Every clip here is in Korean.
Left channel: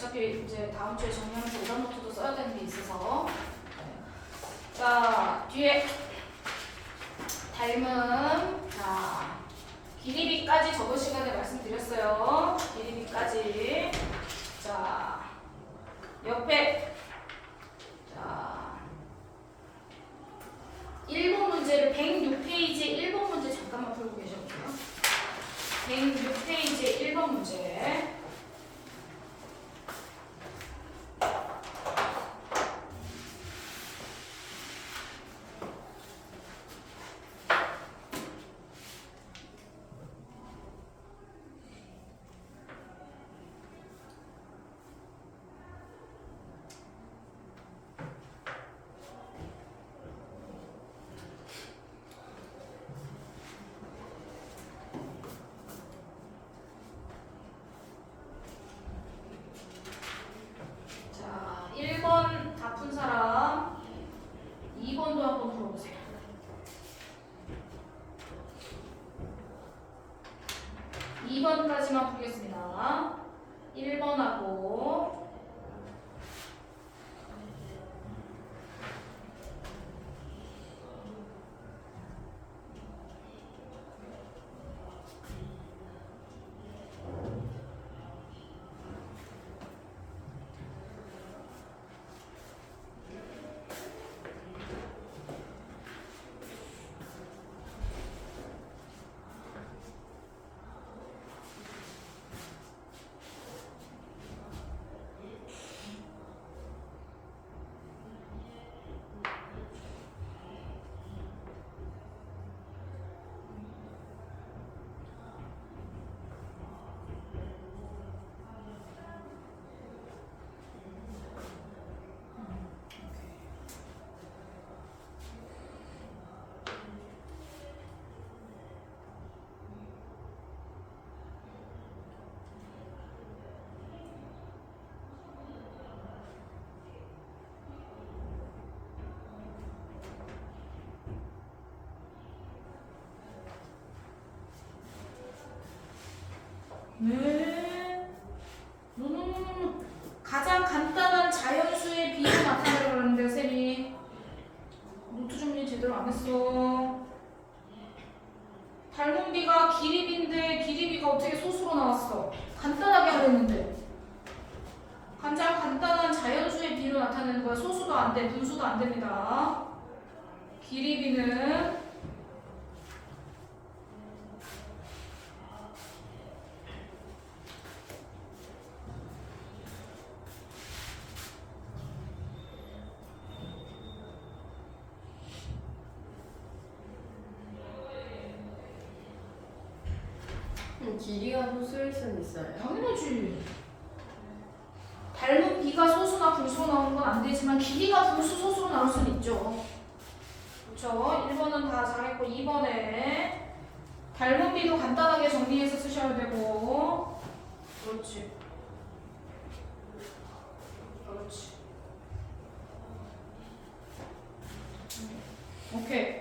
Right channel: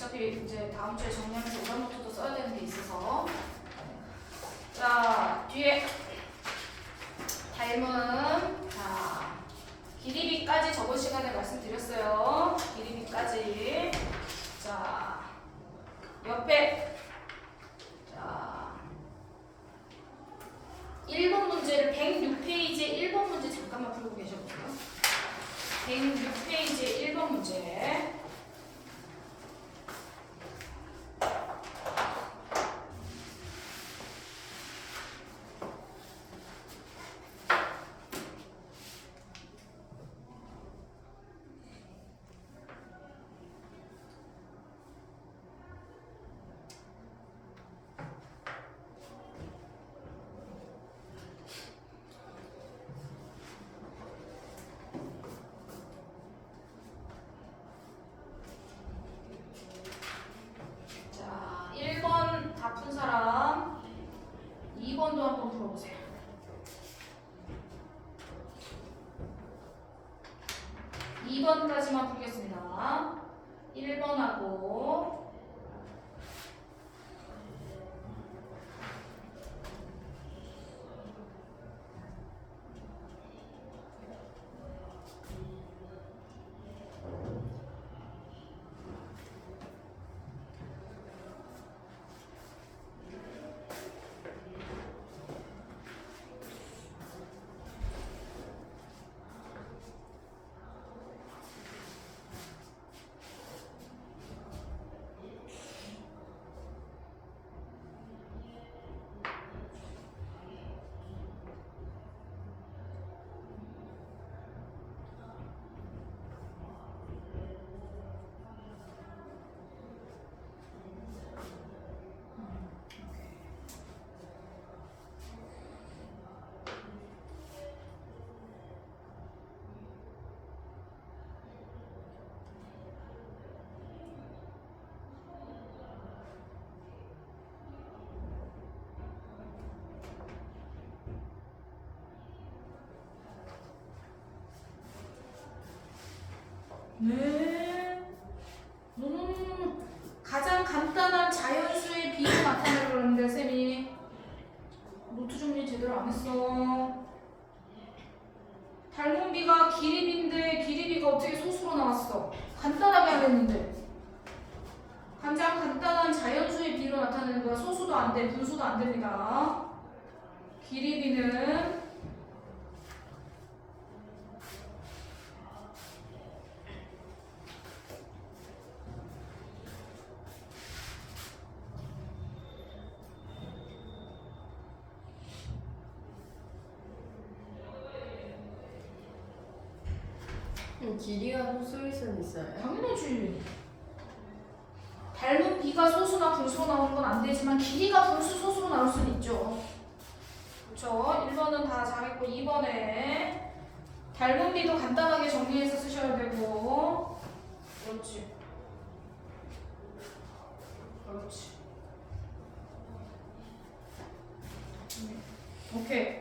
어차피 이제 다음 주에 정리하면서 오답 노트도 써야 되는 게 있어서. 자, 뒤에 닮은 자 길이비까지 저번 시간에 말씀드렸어요. 길이비까지. 자, 옆에 자 1번 문제를 106페이지에 1번 문제 잠깐만 풀고 계셔볼게요. 106페이지에 1번 문제. 자, 1번 다 푼 사람 2번도 한번 풀어보세요. 2번까지만 풀겠습니다. 1번하고 네. 가장 간단한 자연수의 비를 나타내라고 그러는데 쌤이 노트 준비 제대로 안 했어. 닮은 비가 기립인데 기립이가 어떻게 소수로 나왔어? 간단하게 안 했는데. 가장 간단한 자연수의 비로 나타내는 거야. 소수도 안 돼, 분수도 안 됩니다. 기립이는 길이가 소수일 수는 있어요. 당연하지. 닮은 비가 소수나 분수로 나오는 건 안 되지만 길이가 분수, 소수로 나올 수는 있죠. 그렇죠? 1번은 다 잘했고 2번에 닮은 비도 간단하게 정리해서 쓰셔야 되고. 그렇지. 그렇지. 오케이.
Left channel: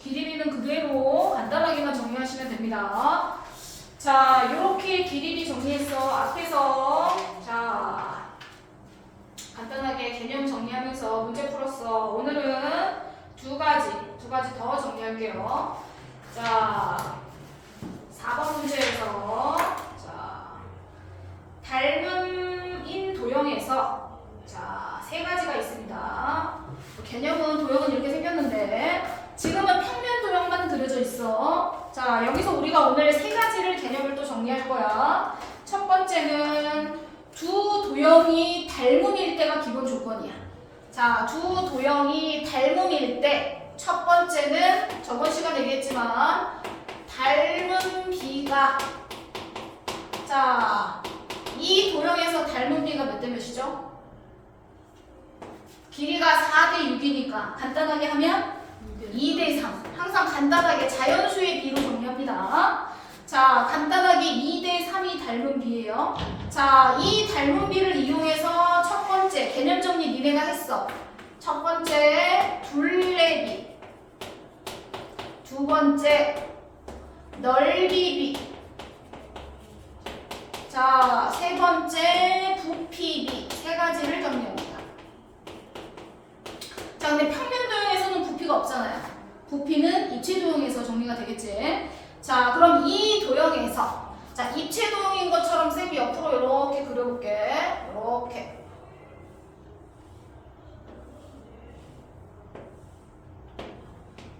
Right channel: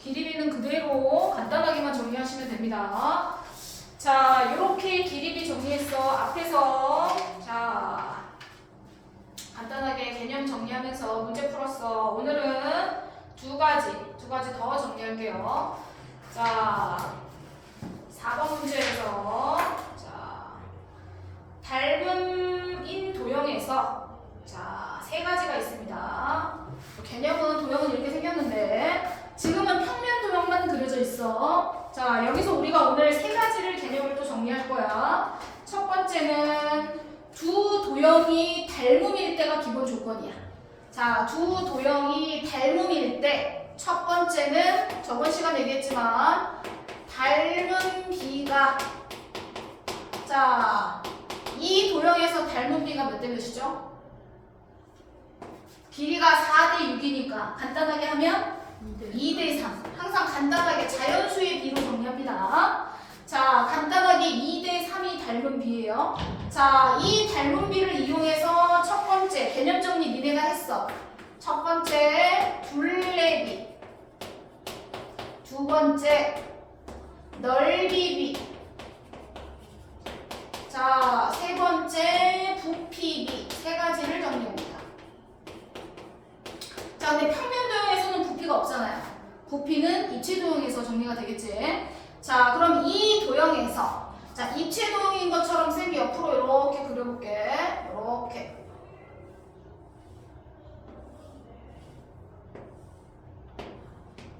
길이비는 그대로 간단하게만 정리하시면 됩니다. 자, 이렇게 길이비 정리했어. 앞에서 자 간단하게 개념 정리하면서 문제 풀었어. 오늘은 두 가지 더 정리할게요. 자, 4번 문제에서 자 닮은 인 도형에서 자 3가지가 있습니다. 개념은 도형은 이렇게 생겼는데 지금은 평면 도형만 그려져 있어. 자, 여기서 우리가 오늘 3가지를 개념을 또 정리할 거야. 첫 번째는 두 도형이 닮음일 때가 기본 조건이야. 자, 두 도형이 닮음일 때 첫 번째는 저번 시간 얘기했지만 닮은 비가 자, 이 도형에서 닮은 비가 몇 대 몇이죠? 길이가 4대 6이니까 간단하게 하면 2대 3. 항상 간단하게 자연수의 비로 정리합니다. 자, 간단하게 2대 3이 닮은 비예요. 자, 이 닮은 비를 이용해서 첫 번째 개념 정리 니네가 했어. 첫 번째 둘레비, 두 번째 넓이비. 자, 세 번째 부피, 비. 세 가지를 정리합니다. 자, 근데 평면 도형에서는 부피가 없잖아요. 부피는 입체 도형에서 정리가 되겠지. 자, 그럼 이 도형에서 자, 입체 도형인 것처럼 쌤이 옆으로 이렇게 그려볼게. 이렇게.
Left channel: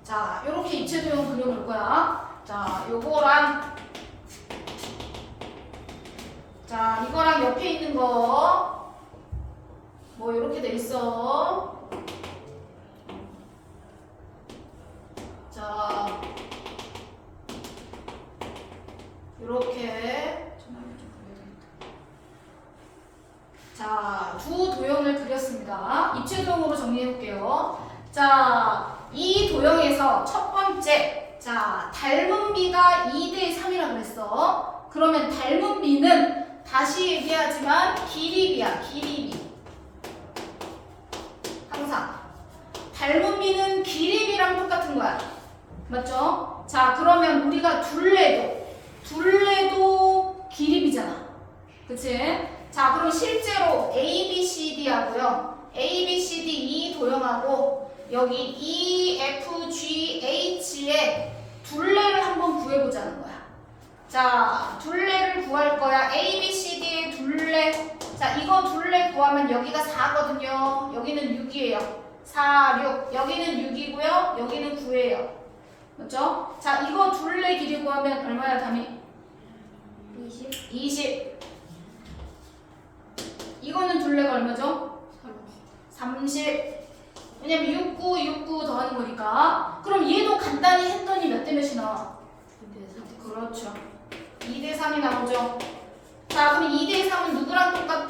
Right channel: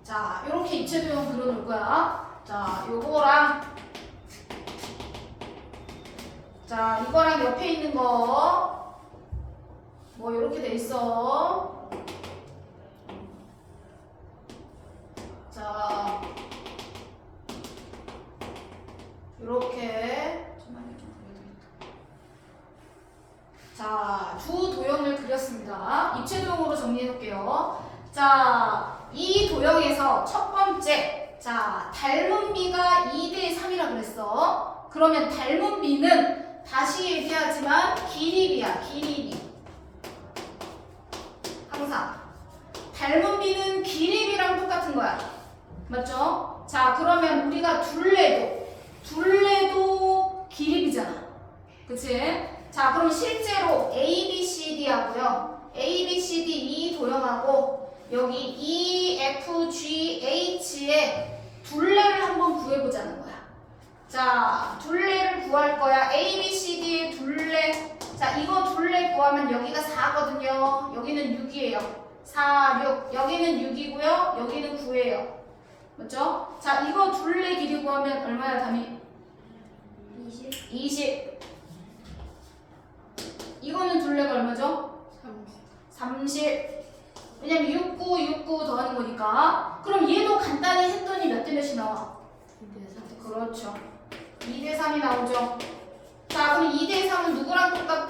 자, 이렇게 입체 도형 그려놓을 거야. 자, 요거랑 자, 이거랑 옆에 있는 거 뭐 이렇게 돼 있어. 자, 이렇게 전화를 좀 그려야 되겠다. 자, 두 도형을 그렸습니다. 입체 도형으로 정리해 볼게요. 자, 이 도형에서 첫 번째, 자, 닮은 비가 2대 3이라 그랬어. 그러면 닮은 비는 다시 얘기하지만 길이비야, 길이비. 항상 닮은 비는 길이비랑 똑같은 거야. 맞죠? 자, 그러면 우리가 둘레도 길이비잖아. 그치? 자, 그럼 실제로 A, B, C, D 하고요. A, B, C, D 이 도형하고 여기 E, F, G, H의 둘레를 한번 구해보자는 거야. 자, 둘레를 구할 거야. A, B, C, D의 둘레. 자, 이거 둘레 구하면 여기가 4거든요. 여기는 6이에요. 4, 6. 여기는 6이고요. 여기는 9예요. 맞죠? 자, 이거 둘레 길이 구하면 얼마야, 담이? 20. 20. 이거는 둘레가 얼마죠? 30. 왜냐면 6, 9, 6, 9 더하는 거니까. 그럼 얘도 간단히 했더니 몇 대 몇이 나와? 2대 3. 그렇죠. 2대 3이 나오죠. 자, 그럼 2대 3은 누구랑 똑같아?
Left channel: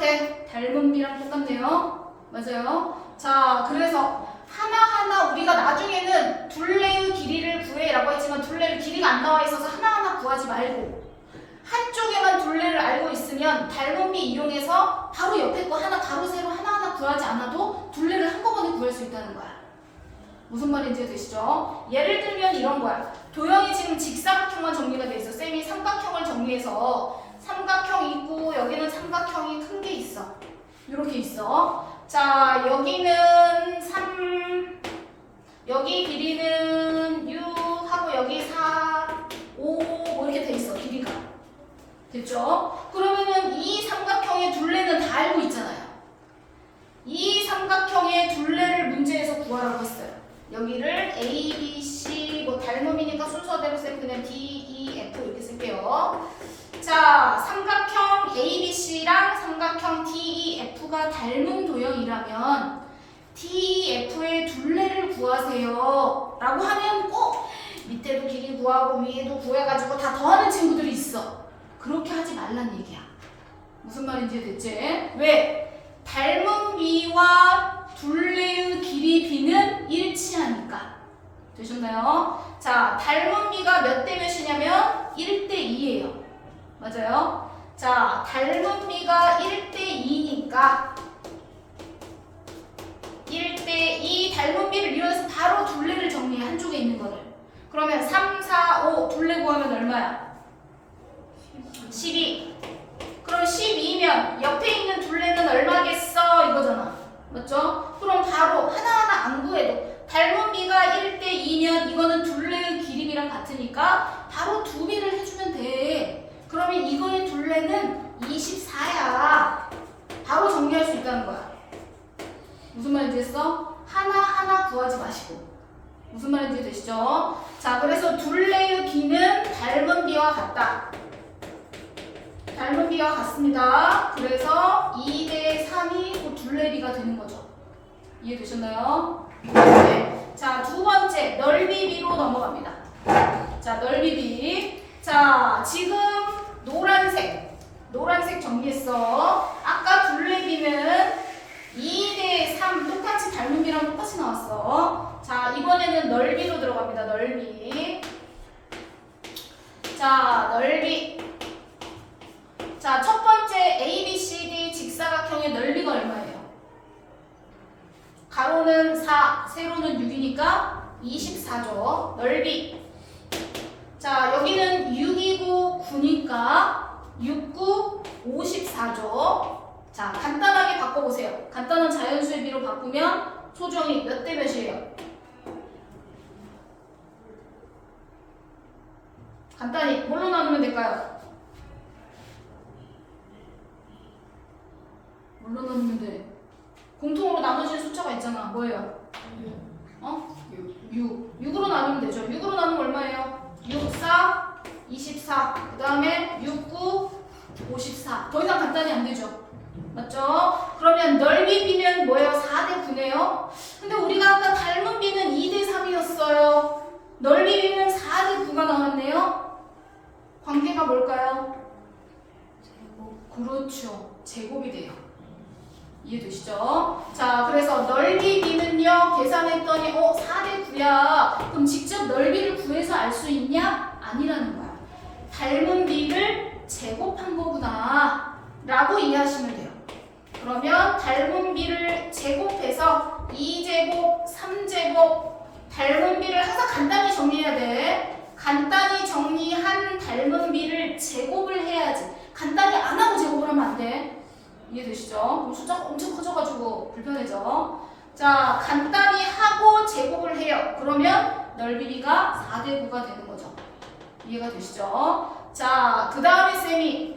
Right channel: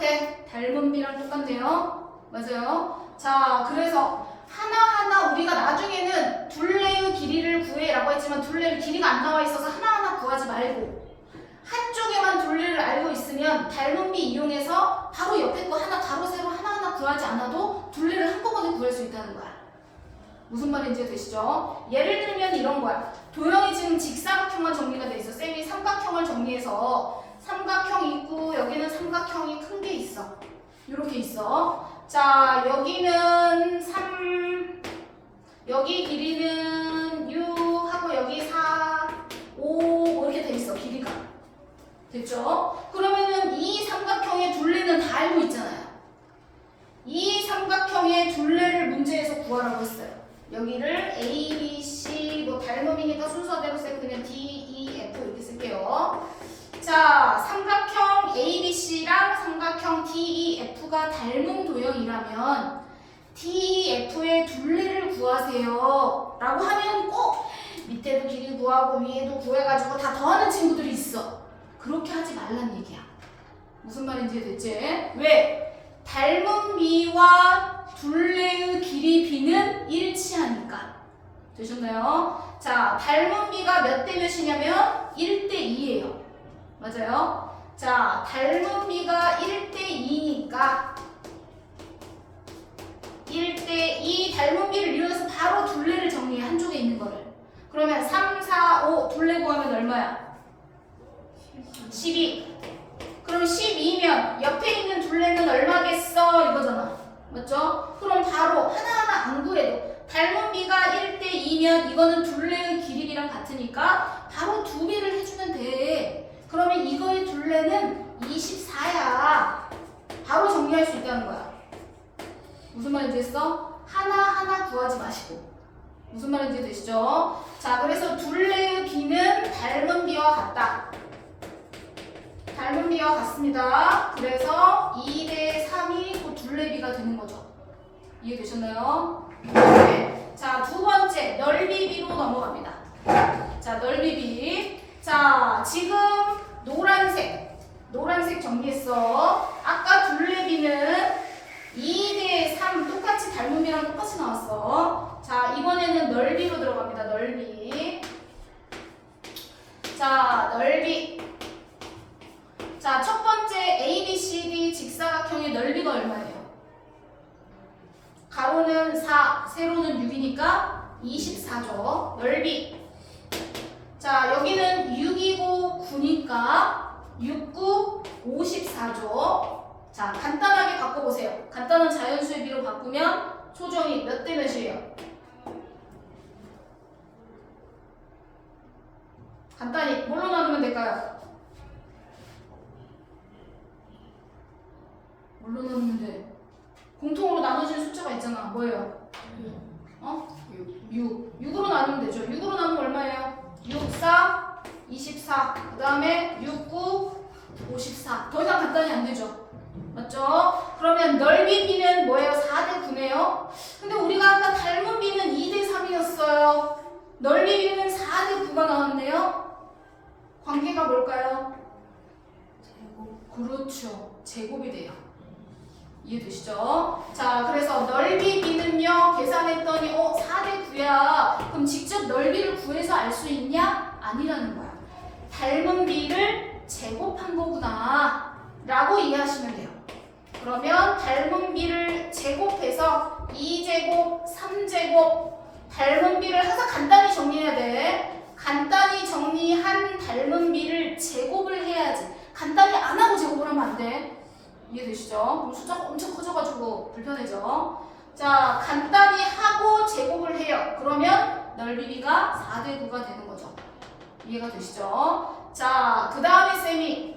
닮은 비랑 똑같네요. 맞아요. 자, 그래서 하나하나 우리가 나중에는 둘레의 길이를 구해라고 했지만 둘레의 길이가 안 나와 있어서 하나하나 구하지 말고 한쪽에만 둘레를 알고 있으면 닮은 비 이용해서 바로 옆에 거 하나 가로 세로 하나하나 구하지 않아도 둘레를 한꺼번에 구할 수 있다는 거야. 무슨 말인지 되시죠? 예를 들면 이런 거야. 도형이 지금 직사각형만 정리가 돼 있어. 쌤이 삼각형을 정리해서 삼각형 있고 여기는 삼각형이 큰 게 있어. 이렇게 있어. 자, 여기는 3, 여기 길이는 6 하고 여기 4, 5 뭐 이렇게 돼 있어. 길이가. 됐죠? 그러면은 이 삼각형의 둘레는 다 알고 있잖아요. 이 삼각형의 둘레를 문제에서 구하라고 했어요. 여기를 A, B, C 뭐 닮음이니까 순서대로 쌤 그냥 D, E, F 이렇게 쓸게요. 자, 삼각형 A, B, C랑 삼각형 D, E, F가 닮은 도형이라면 D, E, F의 둘레를 구하세요 라고 하면 꼭 밑에도 길이 구하고 위에도 구해가지고 다 더하는 친구들이 있어. 그렇게 하지 말란 얘기야. 무슨 말인지 됐지? 왜? 닮은 비와 둘레의 길이 비는 일치하니까. 되셨나요? 자, 닮은 비가 몇 대 몇이냐면 1대 2예요. 맞아요? 자, 닮은 비가 1대 2니까 1대 2 닮은 비를 이용해서 바로 둘레를 정리해. 한쪽에 있는 거를. 그러면 3, 4, 5 둘레 구하면 얼마야? 12. 그럼 12면 옆에 있는 둘레는 얼마겠어? 이거잖아. 맞죠? 그럼 바로 하나하나 안 구해도 닮은 비가 1대 2면 이거는 둘레의 길이비랑 같으니까 바로 두 비를 해주면 돼. 그러면 이거의 둘레는 24야. 바로 정리할 수 있다는 거야. 무슨 말인지 됐어? 하나하나 구하지 마시고. 무슨 말인지 되시죠? 자, 그래서 둘레의 비는 닮은 비와 같다. 닮은 비와 같습니다. 그래서 2대 3이 그 둘레비가 되는 거죠. 이해되셨나요? 네. 자, 두 번째 넓이비로 넘어갑니다. 자, 넓이비. 자, 지금 노란색 정리했어. 아까 둘레비는 2대 3 똑같이 닮은 비랑 똑같이 나왔어. 자, 이번에는 넓이로 들어갑니다. 넓이. 자, 넓이. 자, 첫 번째 A, B, C, D 직사각형의 넓이가 얼마예요? 가로는 4, 세로는 6이니까 24죠. 넓이. 자, 여기는 6이고 9니까 6, 9, 54죠. 자, 간단하게 바꿔보세요. 간단한 자연수의 비로 바꾸면 소정이 몇 대 몇이에요? 간단히 뭘로 나누면 될까요? 뭘로 나누면 돼? 공통으로 나눠진 숫자가 있잖아. 뭐예요? 6. 6으로 나누면 되죠. 6으로 나누면 얼마예요? 6, 4, 24. 그 다음에 6, 9, 54. 더 이상 간단히 안 되죠. 맞죠? 그러면 넓이 B는 뭐예요? 4대 9네요. 근데 우리가 아까 닮은 B는 2대 3이었어요. 넓이 B는 4대 9가 나왔네요. 관계가 뭘까요? 제곱. 그렇죠. 제곱이 돼요. 이해되시죠? 자, 그래서 넓이 B는요, 계산했더니 4대 9야. 그럼 직접 넓이를 구해서 알 수 있냐? 아니라는 거야. 닮은 B를 제곱한 거구나 라고 이해하시면 돼요. 그러면 닮은 B를 제곱해서 2제곱, 3제곱, 닮은 B를 항상 간단히 정리해야 돼. 간단히 정리한 닮은 B를 제곱을 해야지. 간단히 안 하고 제곱을 하면 안 돼. 이해되시죠? 숫자가 엄청 커져가지고 불편해져. 자, 간단히 하고 제곱을 해요. 그러면 넓이 B가 4대 9가 되는 거죠. 이해가 되시죠? 자, 그 다음에 쌤이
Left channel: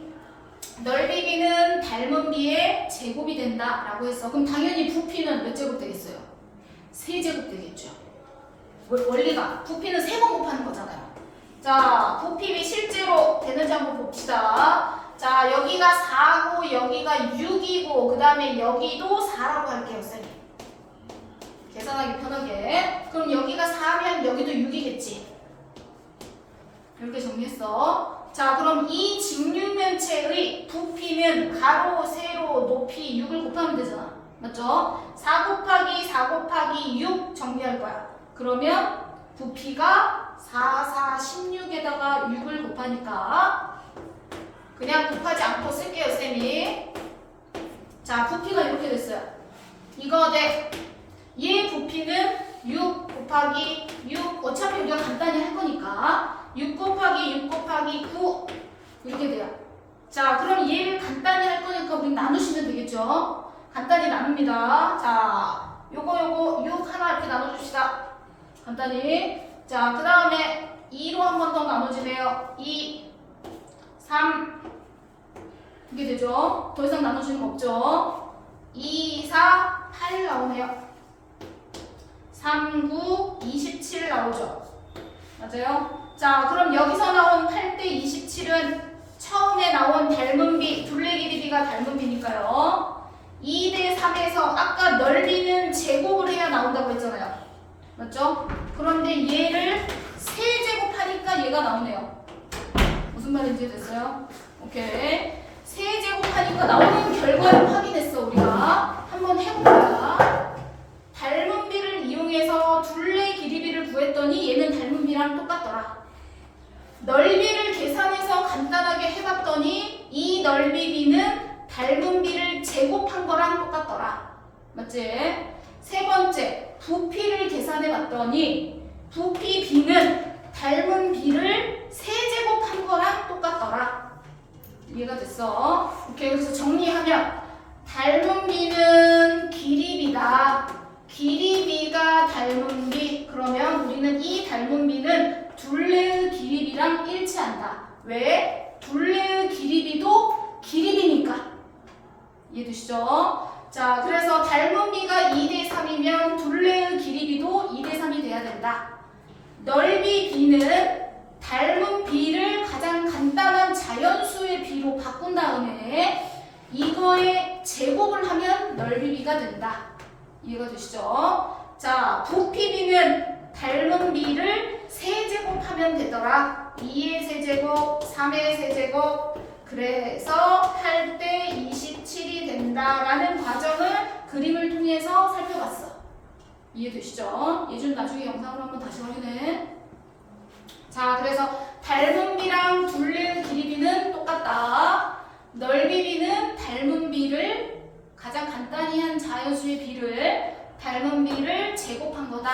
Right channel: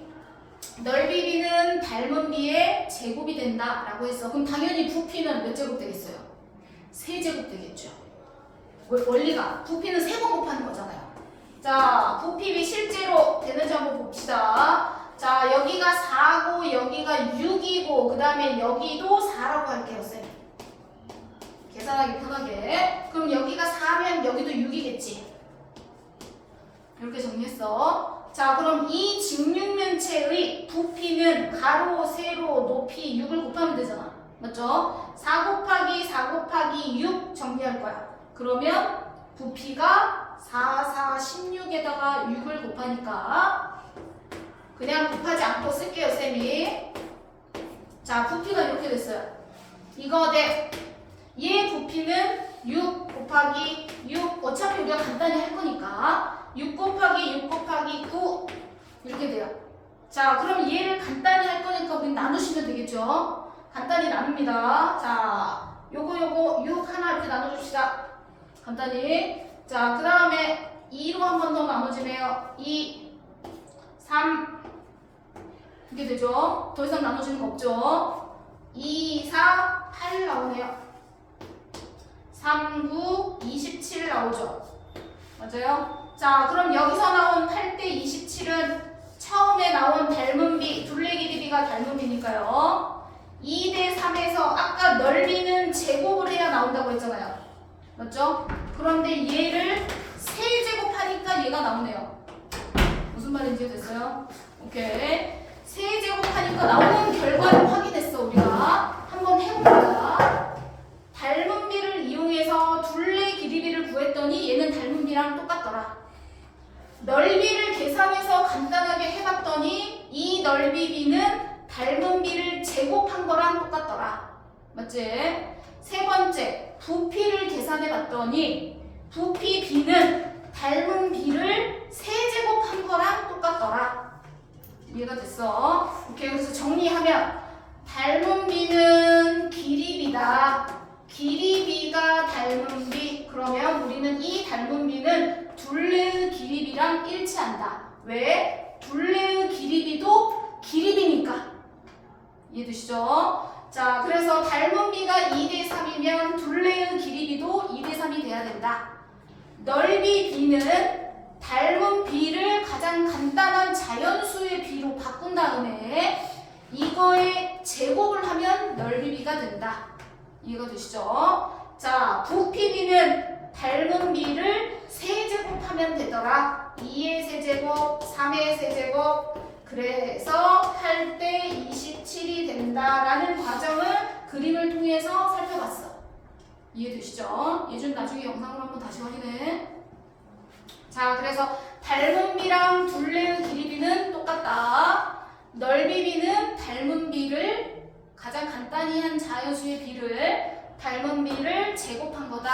넓이 B는 닮은 B의 제곱이 된다 라고 했어. 그럼 당연히 부피는 몇 제곱 되겠어요? 3제곱 되겠죠. 원리가 부피는 3번 곱하는 거잖아요. 자, 부피비 실제로 되는지 한번 봅시다. 자, 여기가 4고 여기가 6이고 그 다음에 여기도 4라고 할게요, 쌤. 계산하기 편하게. 그럼 여기가 4면 여기도 6이겠지. 이렇게 정리했어. 자, 그럼 이 직육면체의 부피는 가로, 세로, 높이 6을 곱하면 되잖아. 맞죠? 4 곱하기 4 곱하기 6 정리할 거야. 그러면 부피가 4, 4, 16에다가 6을 곱하니까 그냥 곱하지 않고 쓸게요, 쌤이. 자, 부피가 이렇게 됐어요. 이거 대 얘 부피는 6 곱하기 6. 어차피 우리가 간단히 할 거니까 6 곱하기 6 곱하기 9 이렇게 돼요. 자, 그럼 얘를 간단히 할 거니까 우리 나누시면 되겠죠. 간단히 나눕니다. 자, 요거 6 하나 이렇게 나눠줍시다. 간단히. 자, 그 다음에 2로 한 번 더 나눠지네요. 2, 3 이게 되죠. 더 이상 나눠지는 거 없죠. 2, 4, 8 나오네요. 3, 9, 27 나오죠. 맞아요? 자, 그럼 여기서 나온 8대 27은 처음에 나온 닮은 B, 둘레 길이 B가 닮은 B니까요. 2대 3에서 아까 넓이는 제곱을 해야 나온다고 했잖아요. 맞죠? 그런데 얘를 3제곱하니까 얘가 나오네요. 무슨 말인지 됐어요? 오케이. 3제곱하니까 나오는 결과를 확인했어, 우리가. 한번 해볼까요? 닮은 B를 이용해서 둘레 길이 B를 구했더니 얘는 닮은 B랑 똑같더라. 넓이를 계산해서 간단하게 해봤더니 이 넓이 B는 닮은 B를 제곱한 거랑 똑같더라. 맞지? 세 번째, 부피를 계산해봤더니 부피 B는 닮은 B를 세제곱한 거랑 똑같더라. 이해가 됐어? 오케이, 그래서 정리하면 닮은 B는 길이 B다. 길이 B가 닮은 B. 그러면 우리는 이 닮은 B는 둘레의 길이 B랑 일치한다. 왜? 둘레의 길이 B도 길이 B니까. 이해되시죠? 자, 그래서 닮은 B가 2대 3이면 둘레의 길이 B도 2대 3이 돼야 된다. 넓이 B는 닮은 B를 가장 간단한 자연수의 B로 바꾼 다음에 이거에 제곱을 하면 넓이 B가 된다. 이해가 되시죠? 자, 부피 B는 닮은 B를 세제곱하면 되더라. 2의 세제곱, 3의 세제곱. 그래서 8대 27이 된다라는 과정을 그림을 통해서 살펴봤어. 이해되시죠? 예준 나중에 영상으로 한번 다시 확인해. 자, 그래서 닮은 B랑 둘레의 길이 B는 똑같다. 넓이 B는 닮은 B를 가장 간단히 한 자연수의 B를 닮은 B를 제곱한 거다.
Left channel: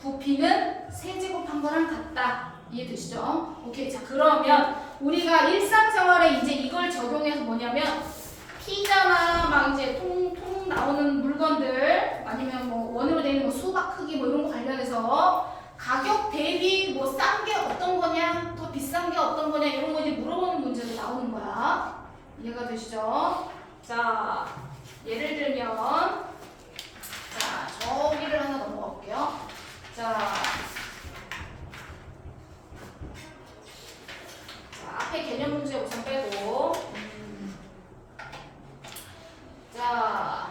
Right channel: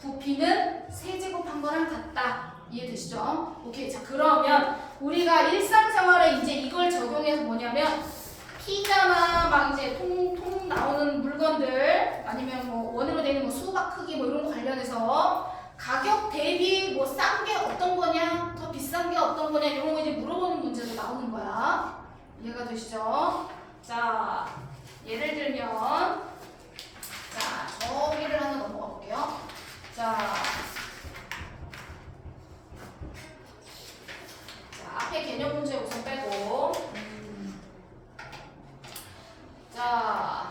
부피는 세제곱한 거랑 같다. 이해되시죠? 오케이. 자, 그러면 우리가 일상생활에 이제 이걸 적용해서 뭐냐면 피자나 막 이제 통 나오는 물건들 아니면 뭐 원으로 되어 있는 뭐 수박 크기 뭐 이런 거 관련해서 가격 대비 뭐 싼 게 어떤 거냐, 더 비싼 게 어떤 거냐 이런 거 이제 물어보는 문제도 나오는 거야. 이해가 되시죠? 자, 예를 들면 자, 저기를 하나 넘어가 볼게요. 자, 앞에 개념 문제 우선 빼고 자,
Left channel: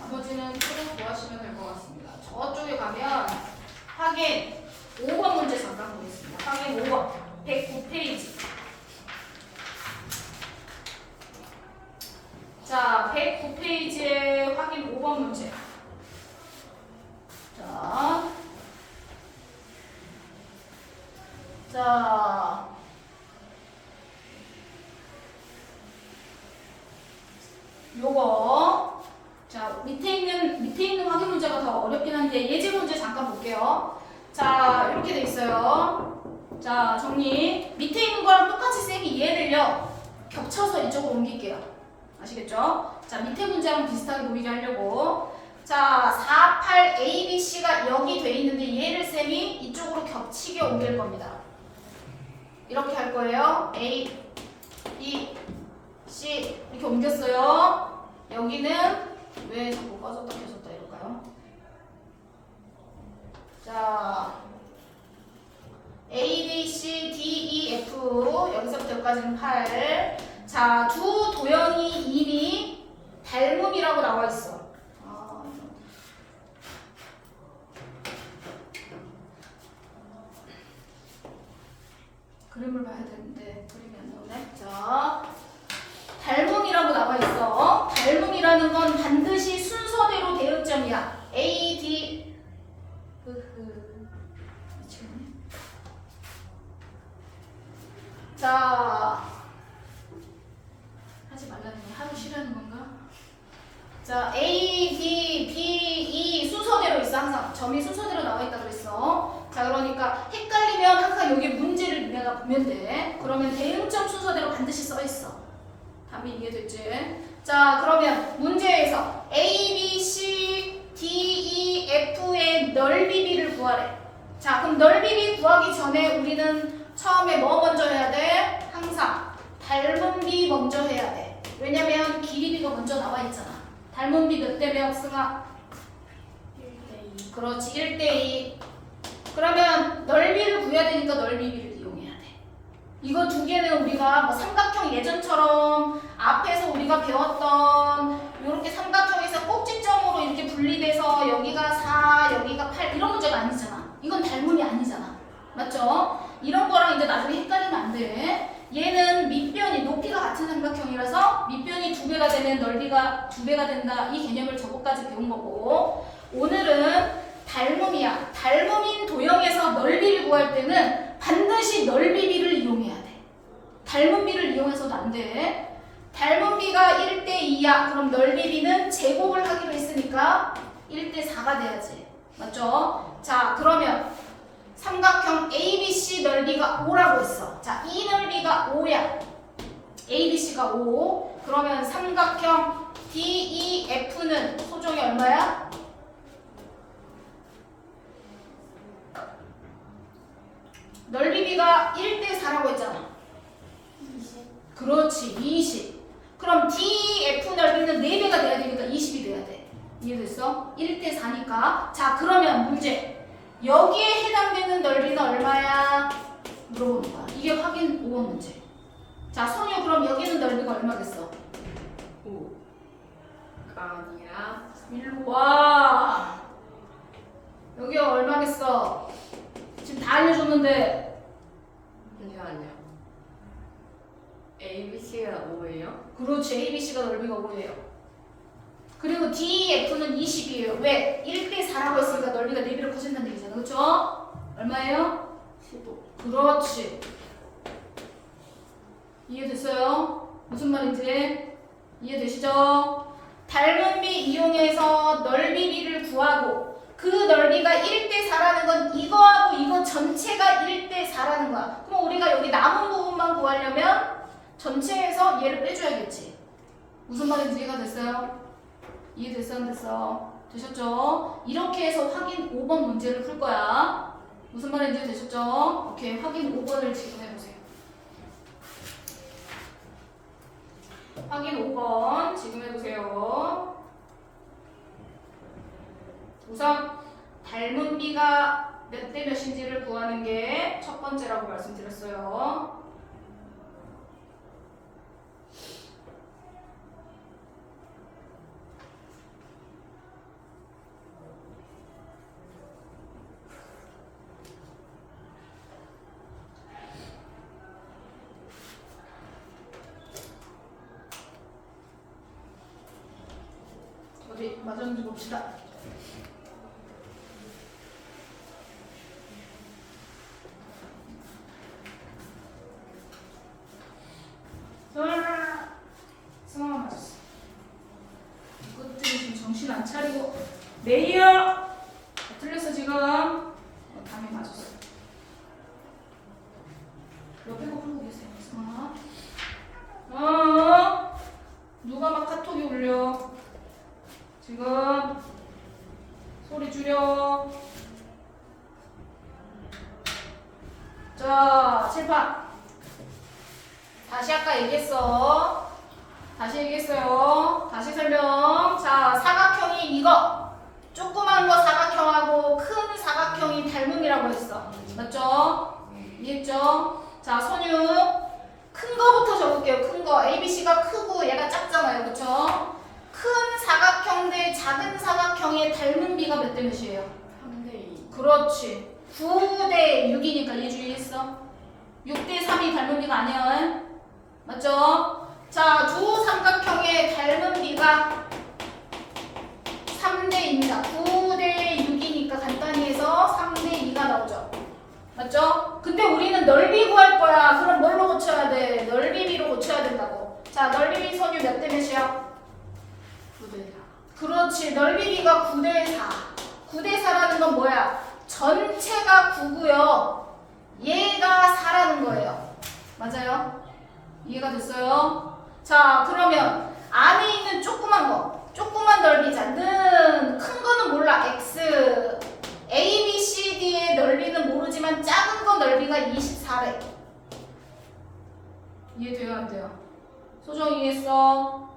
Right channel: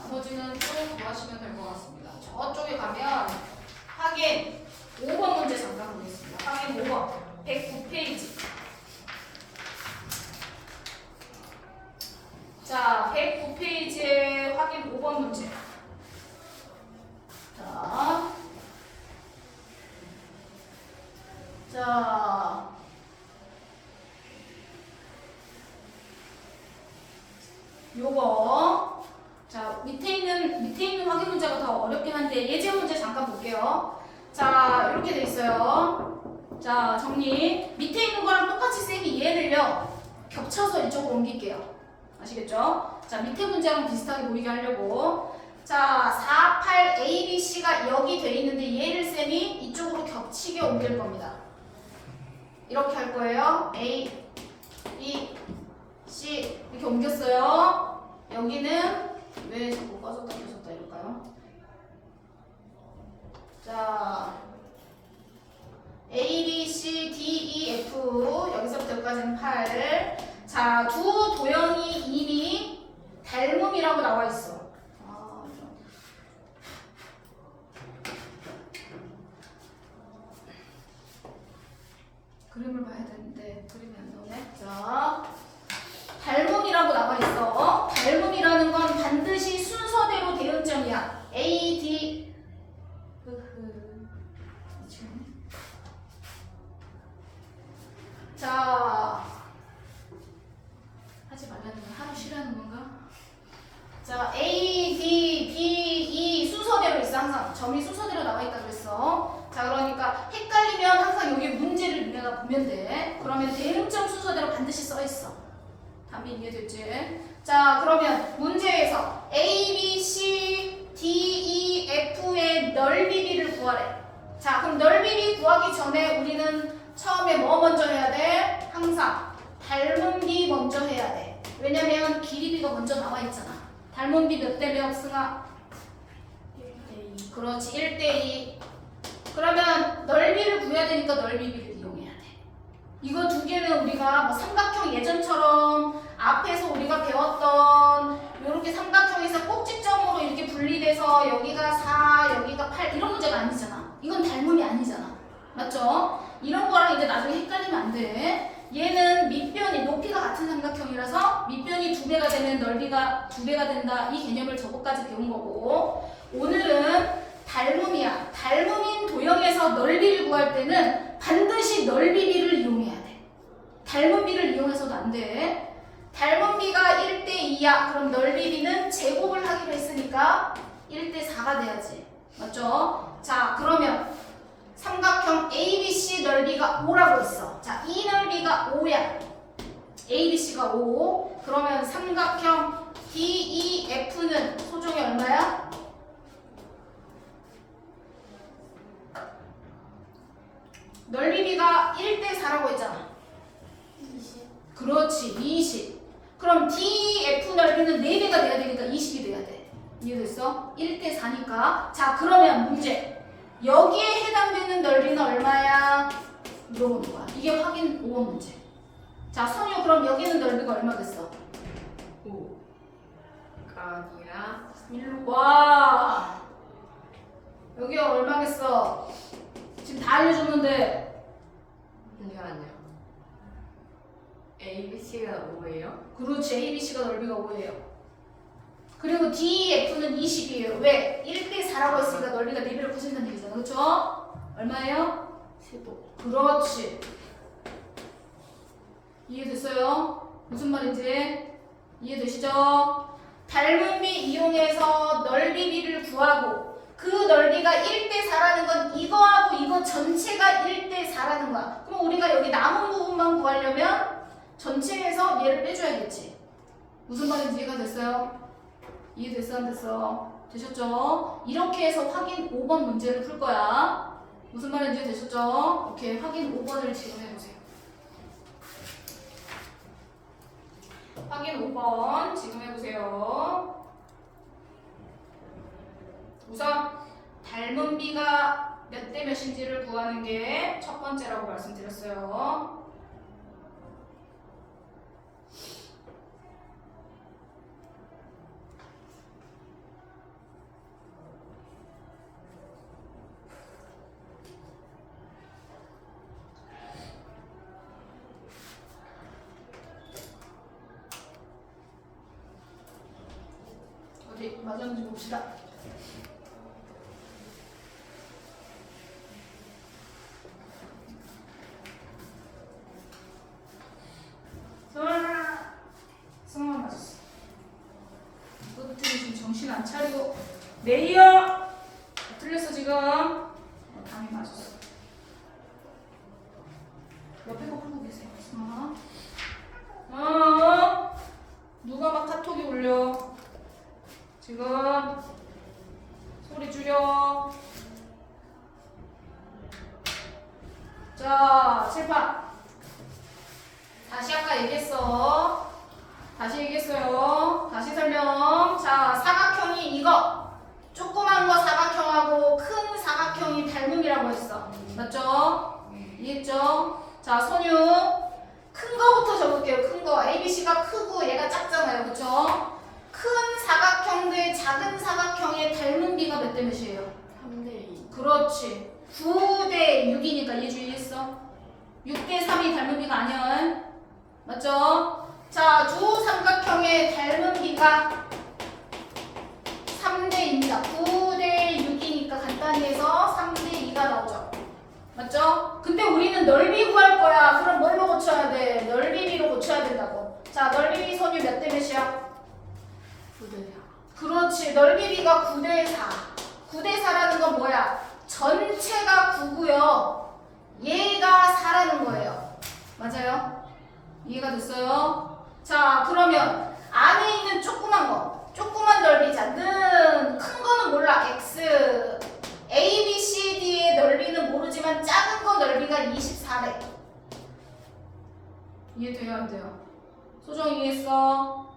나머지는 좀 구하시면 될 것 같습니다. 저쪽에 가면 확인 5번 문제 잠깐 보겠습니다. 확인 5번 109페이지. 자, 109페이지에 확인 5번 문제. 자, 요거 자 밑에 있는 확인 문제가 더 어렵긴 한데 예제 문제 잠깐 볼게요. 자, 이렇게 돼 있어요. 자, 정리. 밑에 있는 거랑 똑같이 쌤이 이해를요 겹쳐서 이쪽으로 옮길게요. 아시겠죠? 자, 밑에 문제랑 비슷하게 보이게 하려고. 자, 48 ABC가 여기 돼 있는데 얘를 쌤이 이쪽으로 겹치게 옮길 겁니다. 이렇게 할 거예요. A, B, C 이렇게 옮겼어요. 여기는 왜 자꾸 꺼졌다 켜졌다 이럴까요? 자, A, B, C, D, E, F 여기서부터 여기까지는 8. 자, 두 도형이 이미 닮음이라고 나와 있어. 그림을 봐야 되는데 그림이 안 나오네. 자, 닮음이라고 나와 있어. 닮음이라는 건 반드시 순서대로 대응점이야. A, D. 자, 하지 말라는 게 하루 쉬라는 건가? 자, A, D, B, E 순서대로 있어. 항상 점이 순서대로 나와 있다 그랬어. 자, 그러니까 헷갈리면 항상 여기 문제를 보면 돼. 그러면 대응점 순서대로 반드시 써 있어. 답이 이해됐지? 자, 그러면 문제에서 A, B, C, D, E, F의 넓이 B를 구하래. 자, 그럼 넓이 B 구하기 전에 우리는 처음에 뭐 먼저 해야 돼? 항상 닮은 B 먼저 해야 돼. 왜냐면 길이 B가 먼저 나와 있잖아. 닮은 B 몇 대 몇, 승아? 1대2. 그렇지, 1대2. 그러면 넓이를 구해야 되니까 넓이 B를 이용해야 돼. 이거 두 개는 우리가 뭐 삼각형 예전처럼 앞에서 우리가 배웠던 이렇게 삼각형에서 꼭지점으로 이렇게 분리돼서 여기가 4, 여기가 8 이런 문제가 아니잖아. 이건 닮음이 아니잖아. 맞죠? 이런 거랑 이제 나중에 헷갈리면 안 돼. 얘는 밑변이 높이가 같은 삼각형이라서 밑변이 2배가 되면 넓이가 2배가 된다. 이 개념을 저거까지 배운 거고, 오늘은 닮음이야. 닮음인 도형에서 넓이를 구할 때는 반드시 넓이 B를 이용해야 돼. 닮은 B를 이용해서도 안 돼. 닮은 B가 1대2야. 그럼 넓이 B는 제곱을 하기로 했으니까 1대4가 돼야지. 맞죠? 자, 그러면 삼각형 ABC 넓이가 5라고 했어. 자, 이 넓이가 5야. ABC가 5. 그러면 삼각형 DEF는 소종이 얼마야? 넓이 B가 1대4라고 했잖아. 20. 그렇지, 20. 그럼 DF 넓이는 4배가 돼야 되니까 20이 돼야 돼. 이해됐어? 1대4니까. 자, 그러면 문제. 여기에 해당되는 넓이는 얼마야? 물어보는 거야. 이게 확인 5번 문제. 자, 선유 그럼 여기는 넓이가 얼마 됐어? 5가 아니라 일로 와. 여기가 얼마겠어? 지금 다 알려줬는데. 아니요. ABC가 5예요? 그렇지, ABC가 넓이가 5예요. 그리고 DEF는 20이에요. 왜? 1대4라고 했으니까 넓이가 4배로 커진다는 얘기잖아. 그렇죠? 얼마예요? 15. 그렇지. 이해됐어요? 무슨 말인지 이해되시죠? 닮은 B 이용해서 넓이 B를 구하고 그 넓이가 1대 4라는 건 이거하고 이거 전체가 1대 4라는 거야. 그럼 우리가 여기 남은 부분만 구하려면 전체에서 얘를 빼줘야겠지. 무슨 말인지 이해가 됐어요? 이해됐어 안 됐어? 되셨죠? 이렇게 해서 확인 5번 문제를 풀 거야. 무슨 말인지 되셨죠? 오케이, 확인 5번을 지금 해보세요. 확인 5번 지금 해보세요. 우선 닮은 비가 몇 대 몇인지를 구하는 게 첫 번째라고 말씀드렸어요. 어디 맞았는지 봅시다. 승아 맞았어. 이것들이 지금 정신 안 차리고 메이어 틀렸어 지금. 당연히 맞았어. 옆에 거 풀고 계세요. 승아. 누가 막 카톡이 울려. 지금 소리 줄여. 자, 칠판. 다시 아까 얘기했어. 다시 얘기했어요. 다시 설명. 자, 사각형이 이거. 조그만 거 사각형하고 큰 사각형이 닮음이라고 했어. 맞죠? 이해했죠? 자, 선유. 큰 거부터 적을게요. 큰 거. ABC가 크고 얘가 작잖아요. 그쵸? 큰 사각형 대 작은 사각형의 닮은 비가 몇 대 몇이에요? 3대2. 그렇지. 9대 6이니까 얘 주의했어. 6대 3이 닮은 비가 아니야. 맞죠? 자, 두 삼각형의 닮은 비가 3대2입니다. 9대 6이니까 간단히 해서 3대 2가 나오죠. 맞죠? 근데 우리는 넓이 구할 거야. 그럼 뭘로 고쳐야 돼? 넓이비로 고쳐야 된다고. 자, 넓이비 선유 몇 대 몇이야? 9대4. 그렇지. 넓이비가 9대 4. 9대 4라는 건 뭐야? 전체가 9고요. 얘가 4라는 거예요. 맞아요? 이해가 됐어요? 자, 그러면 안에 있는 조그만 거. 조그만 넓이자. 는 큰 거는 몰라. X. A, B, C, D의 넓이는 모르지만 작은 거 넓이가 24래. 이해돼요? 안 돼요? 소정 이해했어?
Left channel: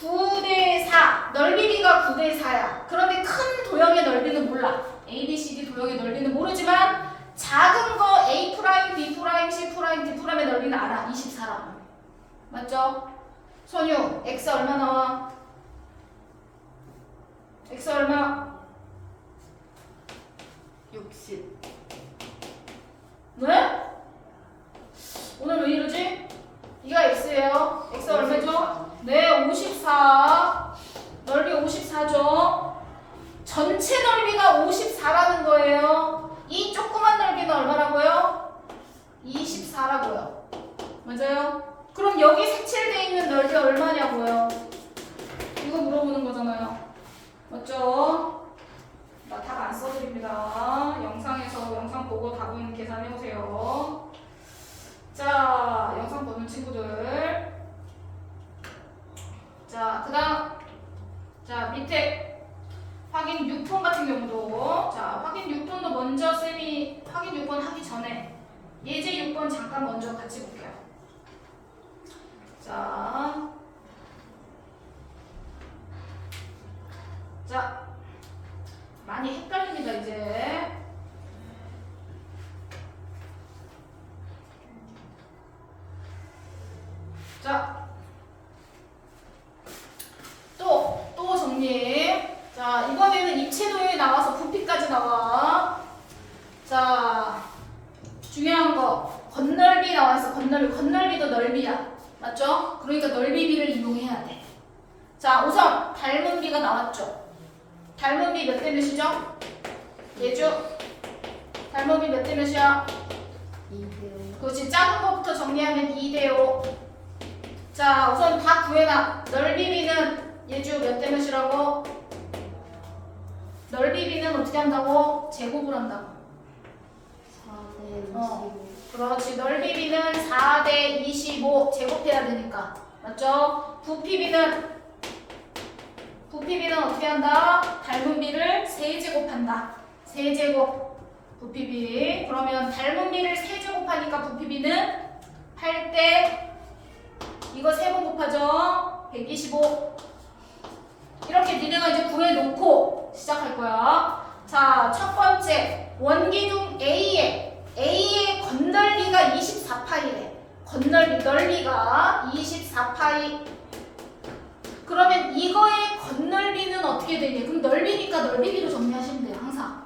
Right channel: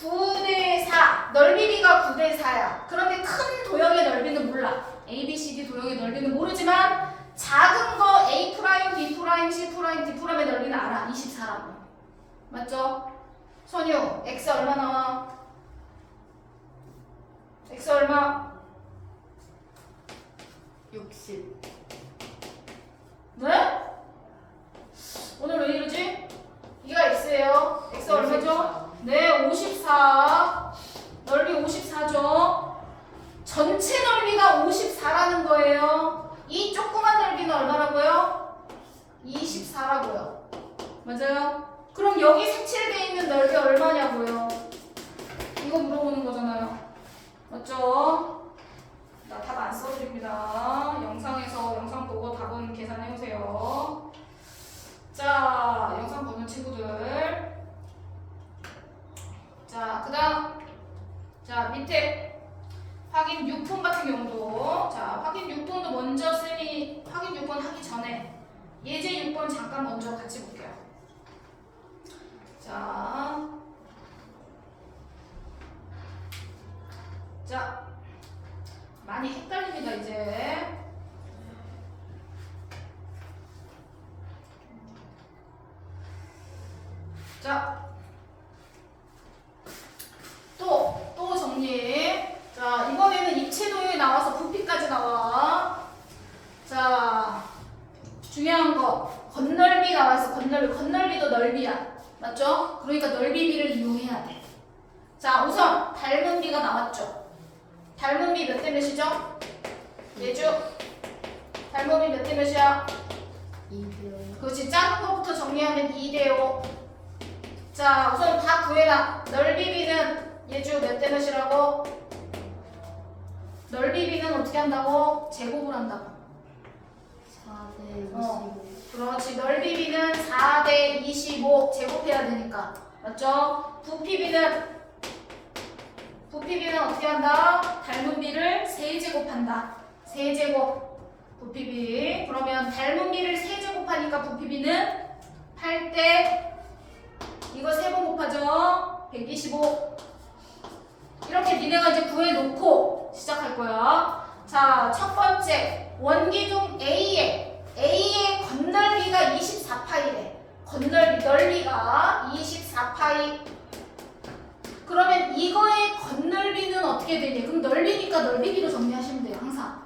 9대 4. 넓이비가 9대 4야. 그런데 큰 도형의 넓이는 몰라. A, B, C, D 도형의 넓이는 모르지만 작은 거 A', B', C', D'의 넓이는 알아. 24라고. 맞죠? 선유, X 얼마 나와? X 얼마? 60. 네? 오늘 왜 이러지? 이가 X예요. X 얼마죠? 네, 54. 넓이 54죠? 전체 넓이가 54라는 거예요. 이 조그만 넓이는 얼마라고요? 24라고요. 맞아요? 그럼 여기 색칠되어 있는 넓이 얼마냐고요? 이거 물어보는 거잖아요. 맞죠? 나 답 안 써드립니다. 영상 보고 답은 계산해보세요. 자, 영상 보는 친구들. 자, 그 다음. 자, 밑에 확인 6번 같은 경우도. 자, 확인 6번도 먼저 쌤이 확인 6번 하기 전에 예제 6번 잠깐 먼저 같이 볼게요. 자, 많이 헷갈립니다, 이제. 자, 또 정리. 자, 이번에는 입체 도형이 나와서 부피까지 나와. 자, 중요한 거. 건널비 나와있어, 건널비. 건널비도 넓이야. 맞죠? 그러니까 넓이비를 이용해야 돼. 자, 우선 닮은 비가 나왔죠. 닮은 비 몇 대 몇이죠? 예주. 닮은 비 몇 대 몇이야? 2대. 그렇지. 작은 거부터 정리하면 2대 5. 자, 우선 다 구해놔. 넓이 비는 예주 몇 대 몇이라고? 넓이 b는 어떻게 한다고? 제곱을 한다고. 4대 25. 그렇지. 넓이 b는 4대 25 제곱해야 되니까. 맞죠? 부피 b는 어떻게 한다? 닮은 b를 세제곱한다. 세제곱 부피 b. 그러면 닮은 b를 세제곱하니까 부피 b는 8대 이거 3번 곱하죠? 125. 이렇게 니네가 이제 구해놓고 시작할 거야. 자, 첫 번째 원기둥 A의 건널비가 24파이래. 넓이가 24파이. 그러면 이거의 건널비는 어떻게 되냐? 그럼 넓이니까 넓이비로 정리하시면 돼요. 항상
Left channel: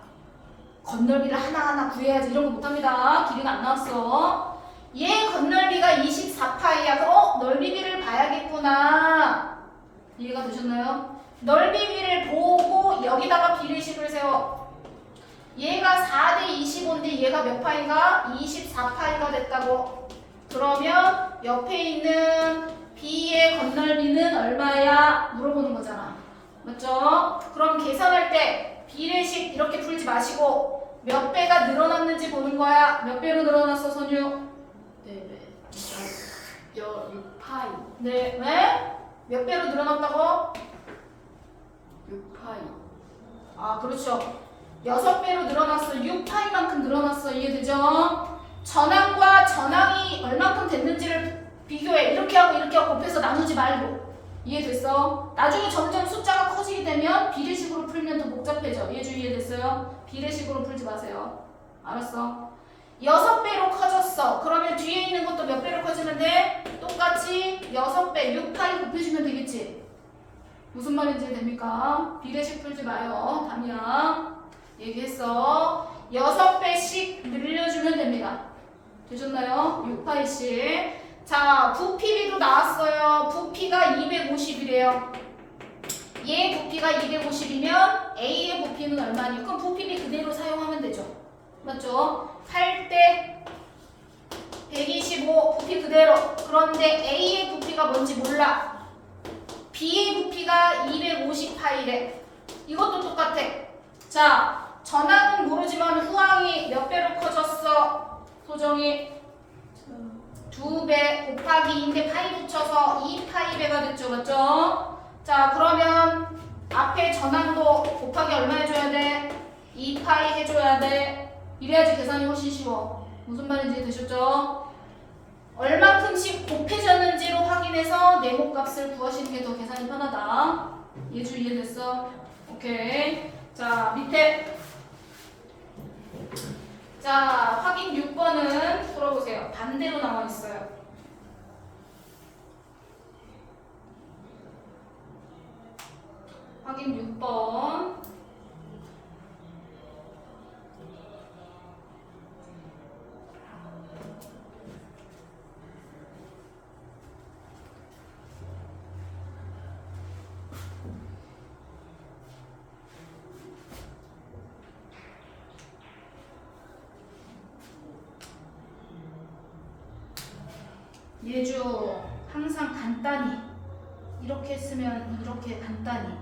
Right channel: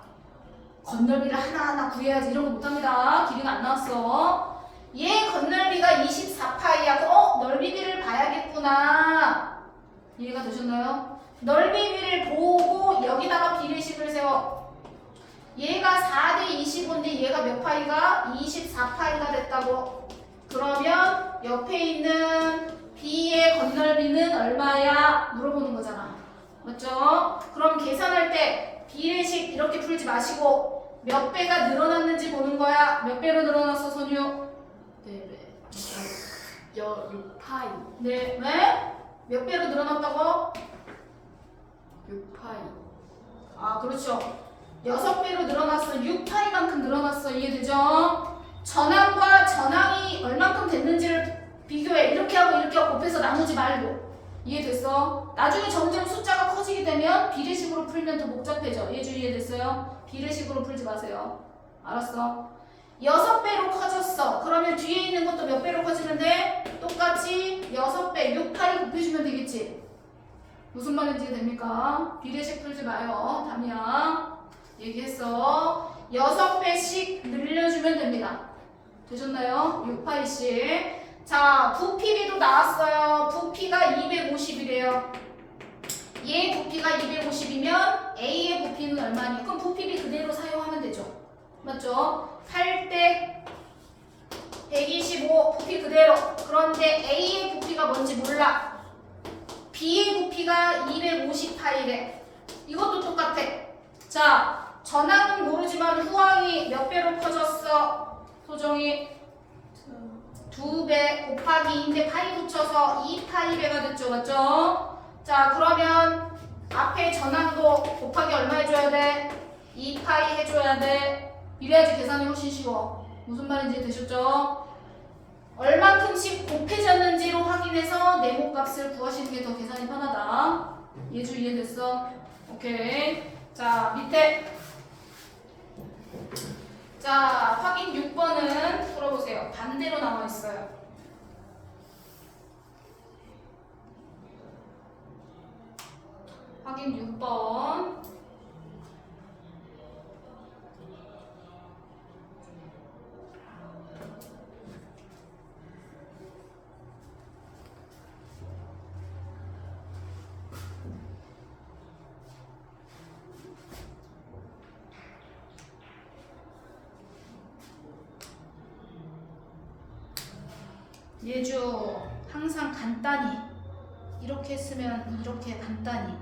건널비를 하나하나 구해야지. 이런 거 못합니다. 길이가 안 나왔어. 얘 건널비가 24파이야. 그럼 넓이비를 봐야겠구나. 이해가 되셨나요? 넓이비를 보고 여기다가 비례식을 세워. 얘가 4대 25인데 얘가 몇 파이가? 24파이가 됐다고. 그러면 옆에 있는 B의 건널비는 얼마야? 물어보는 거잖아. 맞죠? 그럼 계산할 때 비례식 이렇게 풀지 마시고 몇 배가 늘어났는지 보는 거야. 몇 배로 늘어났어, 선유? 네. 6파이. 네, 왜? 몇 배로 늘어났다고? 6파이. 아, 그렇죠. 6배로 늘어났어. 6파이만큼 늘어났어. 이해되죠? 전항과 전항이 얼만큼 됐는지를 비교해. 이렇게 하고 곱해서 나누지 말고. 이해됐어? 나중에 점점 숫자가 커지게 되면 비례식으로 풀면 더 복잡해져. 이해됐어요? 비례식으로 풀지 마세요. 알았어? 6배로 커졌어. 그러면 뒤에 있는 것도 몇 배로 커지면 돼? 똑같이 6배, 6파이 곱해주면 되겠지? 무슨 말인지 됩니까? 비례식 풀지 마요. 담이야. 얘기했어. 6배씩 늘려주면 됩니다. 되셨나요? 6파이씩. 자, 부피비도 나왔어요. 부피가 250이래요. 얘 부피가 250이면 A의 부피는 얼마니? 그럼 부피비 그대로 사용하면 되죠. 맞죠? 8대 125 부피 그대로. 그런데 A의 부피가 뭔지 몰라. B의 부피가 250파이래. 이것도 똑같아. 자, 전항은 모르지만 후항이 몇 배로 커졌어? 소정이 2배 곱하기 2인데 파이 붙여서 2파이배가 됐죠. 맞죠? 자, 그러면 앞에 전항도 곱하기 얼마 해줘야 돼? 2파이 해줘야 돼. 이래야지 계산이 훨씬 쉬워. 무슨 말인지 되셨죠? 얼만큼씩 곱해졌는지로 확인해서 네모값을 구하시는 게 더 계산이 편하다. 예주 이해됐어? 오케이. 자, 밑에. 자, 확인 6번은 풀어보세요. 반대로 나와 있어요. 확인 6번. 예주 항상 간단히 이렇게 했으면 이렇게 간단히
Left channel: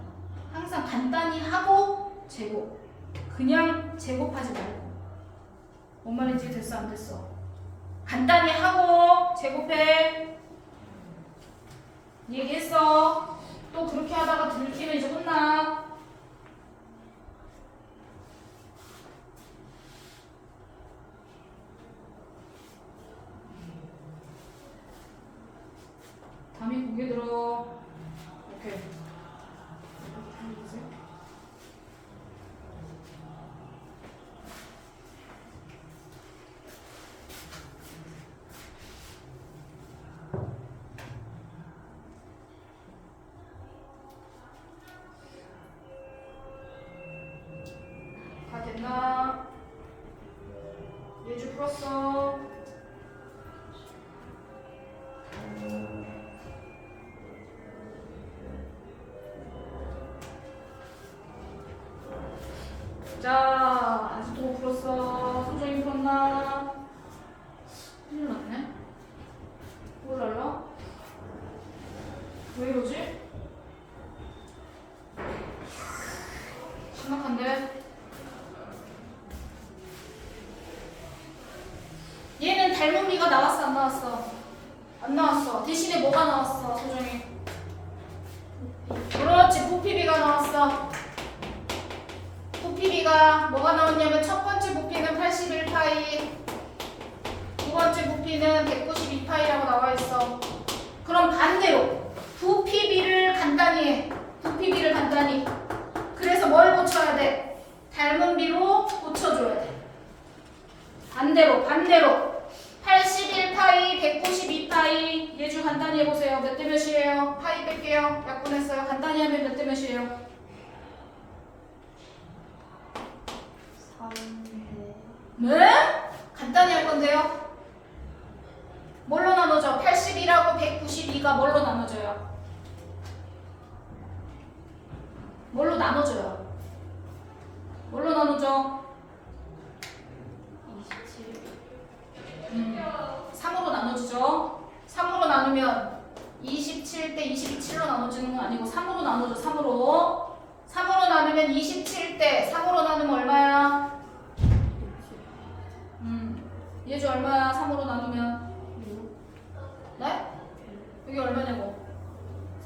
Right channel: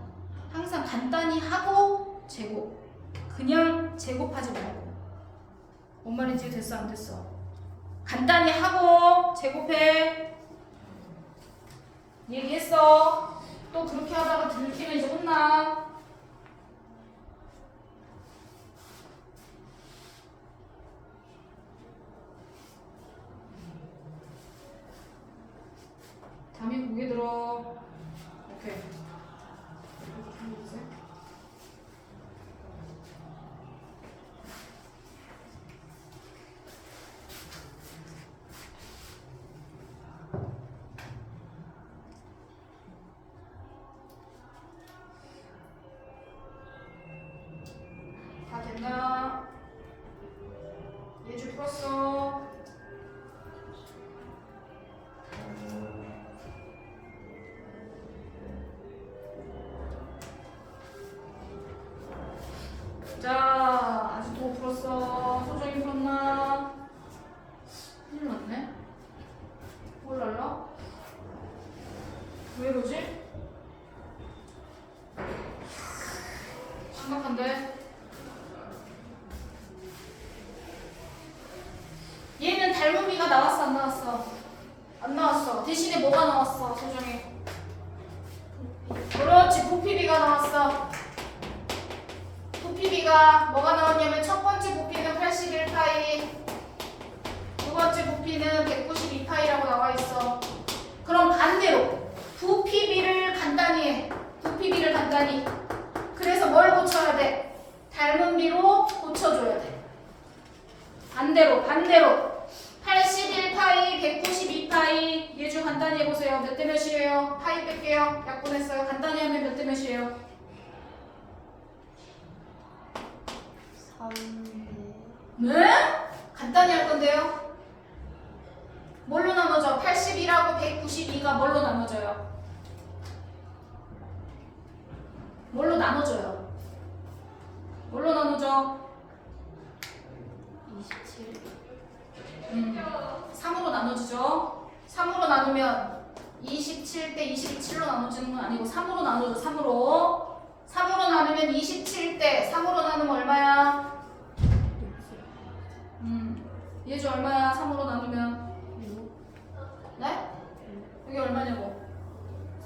항상 간단히 하고 제곱 그냥 제곱하지 말고 뭔 말인지 됐어 안 됐어? 간단히 하고 제곱해 얘기했어. 또 그렇게 하다가 들키면 이제 혼나. 담이 고개 들어. 오케이. 다 됐나? 예주 풀었어. 자, 아직도 못 풀었어. 소정이 풀었나? 큰일 났네. 몰라요? 왜 이러지? 심각한데? 안 나왔어. 대신에 뭐가 나왔어, 소정이? 그렇지, 부피비가 나왔어. 부피비가 뭐가 나왔냐면 첫 번째 부피는 81파이, 두 번째 부피는 192파이라고 나와 있어. 그럼 반대로 부피비를 간단히 해. 부피비를 간단히. 그래서 뭘 고쳐야 돼? 닮은 비로 고쳐줘야 돼. 반대로 81파이, 192파이. 예주 간단히 해보세요. 몇 대 몇이에요? 파이 뺄게요. 약분했어요. 간단히 하면 몇 대 몇이에요? 3대. 네? 간단히 할 건데요. 뭘로 나눠져? 81하고 192가 뭘로 나눠져요? 뭘로 나눠져요? 뭘로 나눠져? 27. 3으로 나눠주죠. 3으로 나누면 27대 27로 나눠지는 건 아니고 3으로 나눠줘. 3으로 나누면 27대 3으로 나누면 얼마야? 예주 얼마야? 3으로 나누면 네? 이게 얼마냐고?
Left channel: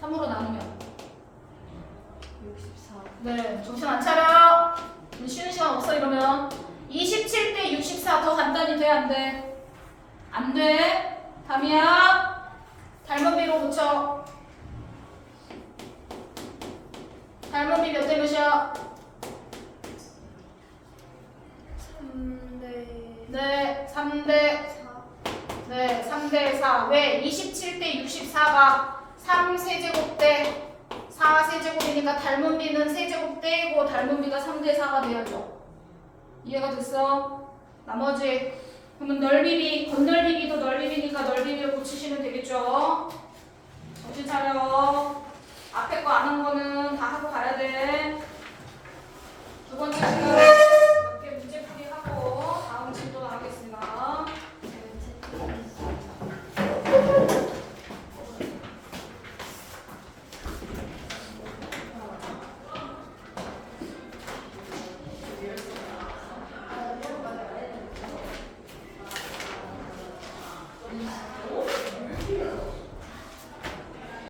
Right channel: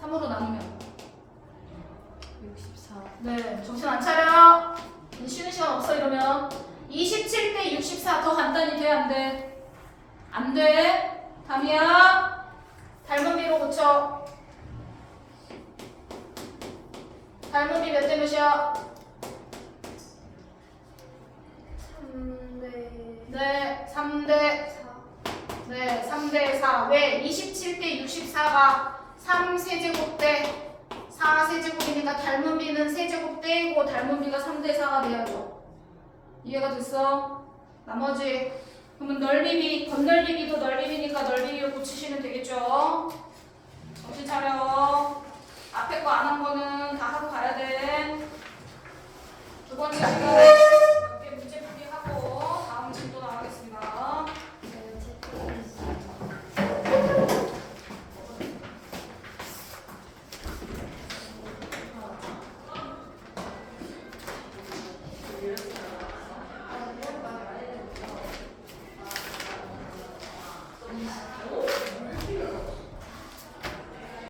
3으로 나누면 64. 네, 정신 안 차려. 쉬는 시간 없어 이러면 27대 64 더 간단히 돼? 안 돼? 안 돼. 담이야. 닮은 비로 고쳐. 닮은 비 몇 대 몇이야? 3대. 네, 3대 4. 네, 3대 4. 왜? 27대 64가 3세제곱 대 4세제곱이니까 닮은 비는 세제곱 떼고 닮은 비가 3대 4가 돼야죠. 이해가 됐어? 나머지 그러면 넓이비, 건널비비도 넓이비니까 넓이비를 고치시면 되겠죠? 정신 차려. 앞에 거 안 한 거는 다 하고 가야 돼. 두 번째 시간.